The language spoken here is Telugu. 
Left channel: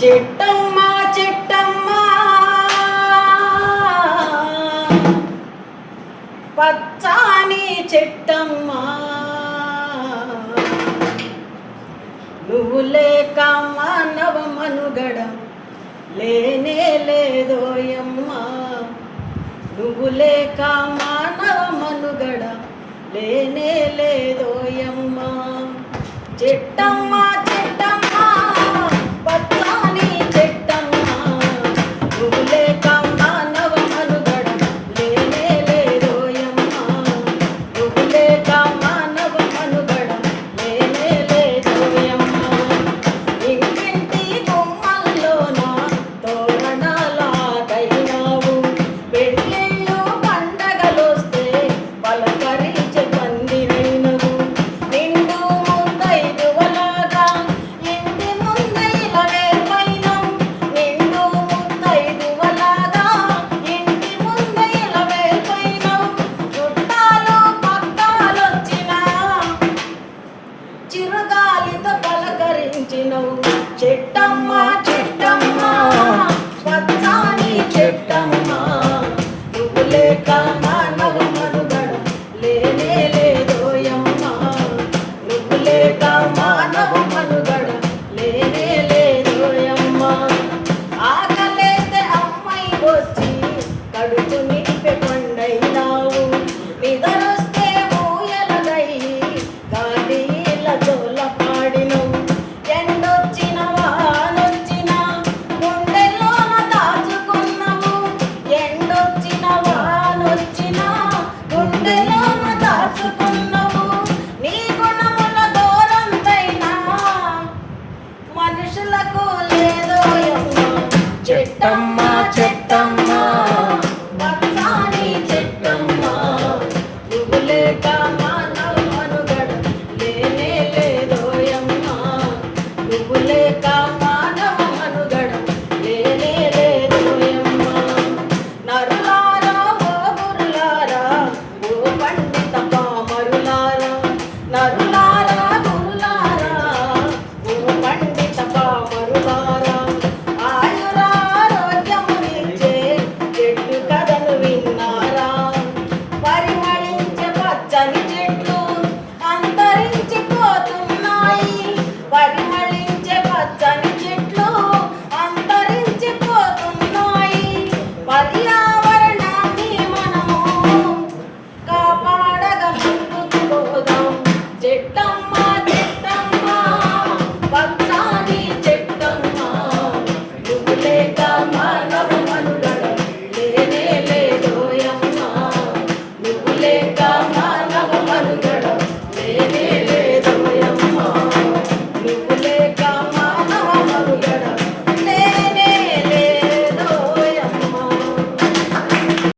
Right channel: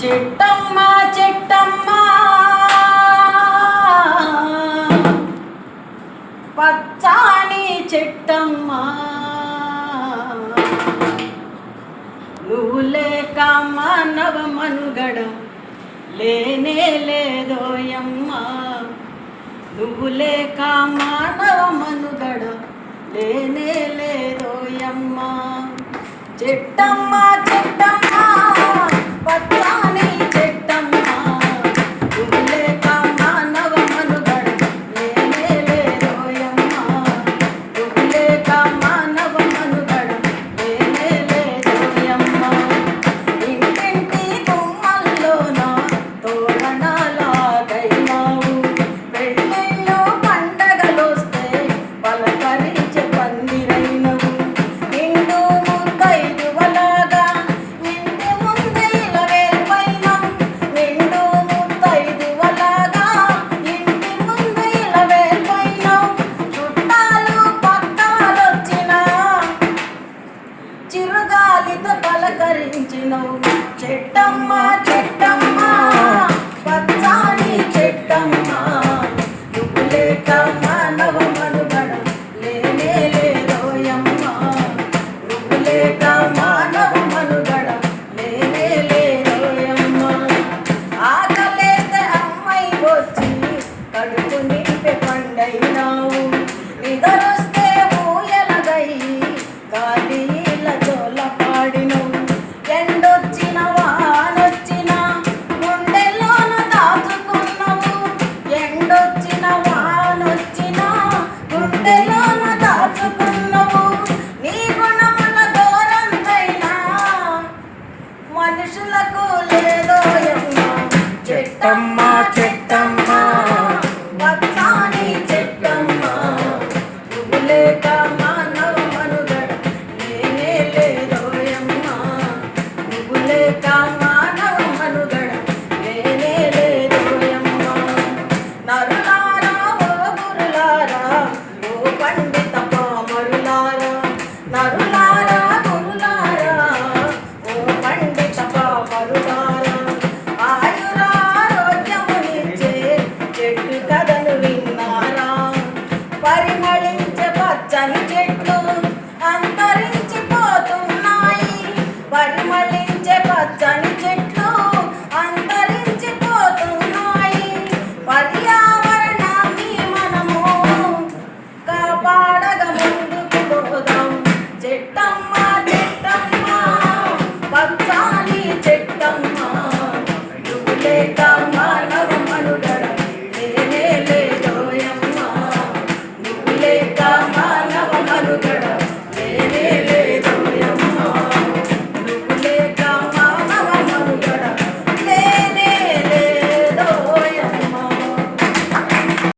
చెట్టమ్మ చెట్టమ్మ పచ్చాని చెట్టమ్మ నువ్వు లేక మానవ మనుగడ లేనే లేదోయమ్మ నువ్వు లేక మానవ మనుగడ లేనే లేదోయమ్మ చెట్టమ్మ చెట్టమ్మ పచ్చాని చెట్టమ్మ నువ్వు లేక మానవ మనుగడ లేనే లేదోయమ్మ నువ్వు లేక మానవ మనుగడ లేనే లేదోయమ్మ ఇంటింటి గుమ్మల్లోన తోరణాలాగైనావు పెళ్ళిళ్ళు పండగలొస్తే పలకరించే పందిరైనవు నిండు ముత్తైదువలాగా ఇంటి ముందే ఇలా వేర్పైనావు నిండు ముత్తైదువలాగా ఇంటి ముందే ఇలా వేర్పైనావు చుట్టాలు పక్కాలొచ్చినా చిరుగాలితో పలకరించినవు చెట్టమ్మ చెట్టమ్మ పచ్చాని చెట్టమ్మ నువ్వు లేక మానవ మనుగడ లేనే లేదోయమ్మ నువ్వు లేక మానవ మనుగడ లేనే లేదోయమ్మ ఆకలేస్తే అమ్మాయి వచ్చి కడుపు నింపే పండైనావు నిదరొస్తే ఊయలగై కాళీల జోల పాడినవు ఎండొచ్చిన వానొచ్చిన గుండెలోను దాచుకున్నావు ఎండొచ్చిన వానొచ్చిన గుండెలోను దాచుకున్నావు నీ గుణముల దూరంతైనా మనుషులకు లేదోయమ్మ చెట్టమ్మ చెట్టమ్మ పచ్చాని చెట్టమ్మ నువ్వు లేక మానవ మనుగడ లేనే లేదోయమ్మ నువ్వు లేక మానవ మనుగడ లేనే లేదోయమ్మ నరులారా ఓ గురులారా ఓ పండిత పామరులారా నరులారా గురులారా ఓ పండిత పామరులారా ఆయురారోగ్యమునిచ్చే చెట్టు కథను విన్నారా పరిమళించే పచ్చని చెట్లు అంతరించిపోతున్నాయి పరిమళించే పచ్చని చెట్లు అంతరించిపోతున్నాయి పర్యావరణాన్ని మనము కాపాడగ ముందుకు పోదాం చెట్టమ్మ చెట్టమ్మ పచ్చాని చెట్టమ్మ నువ్వు లేక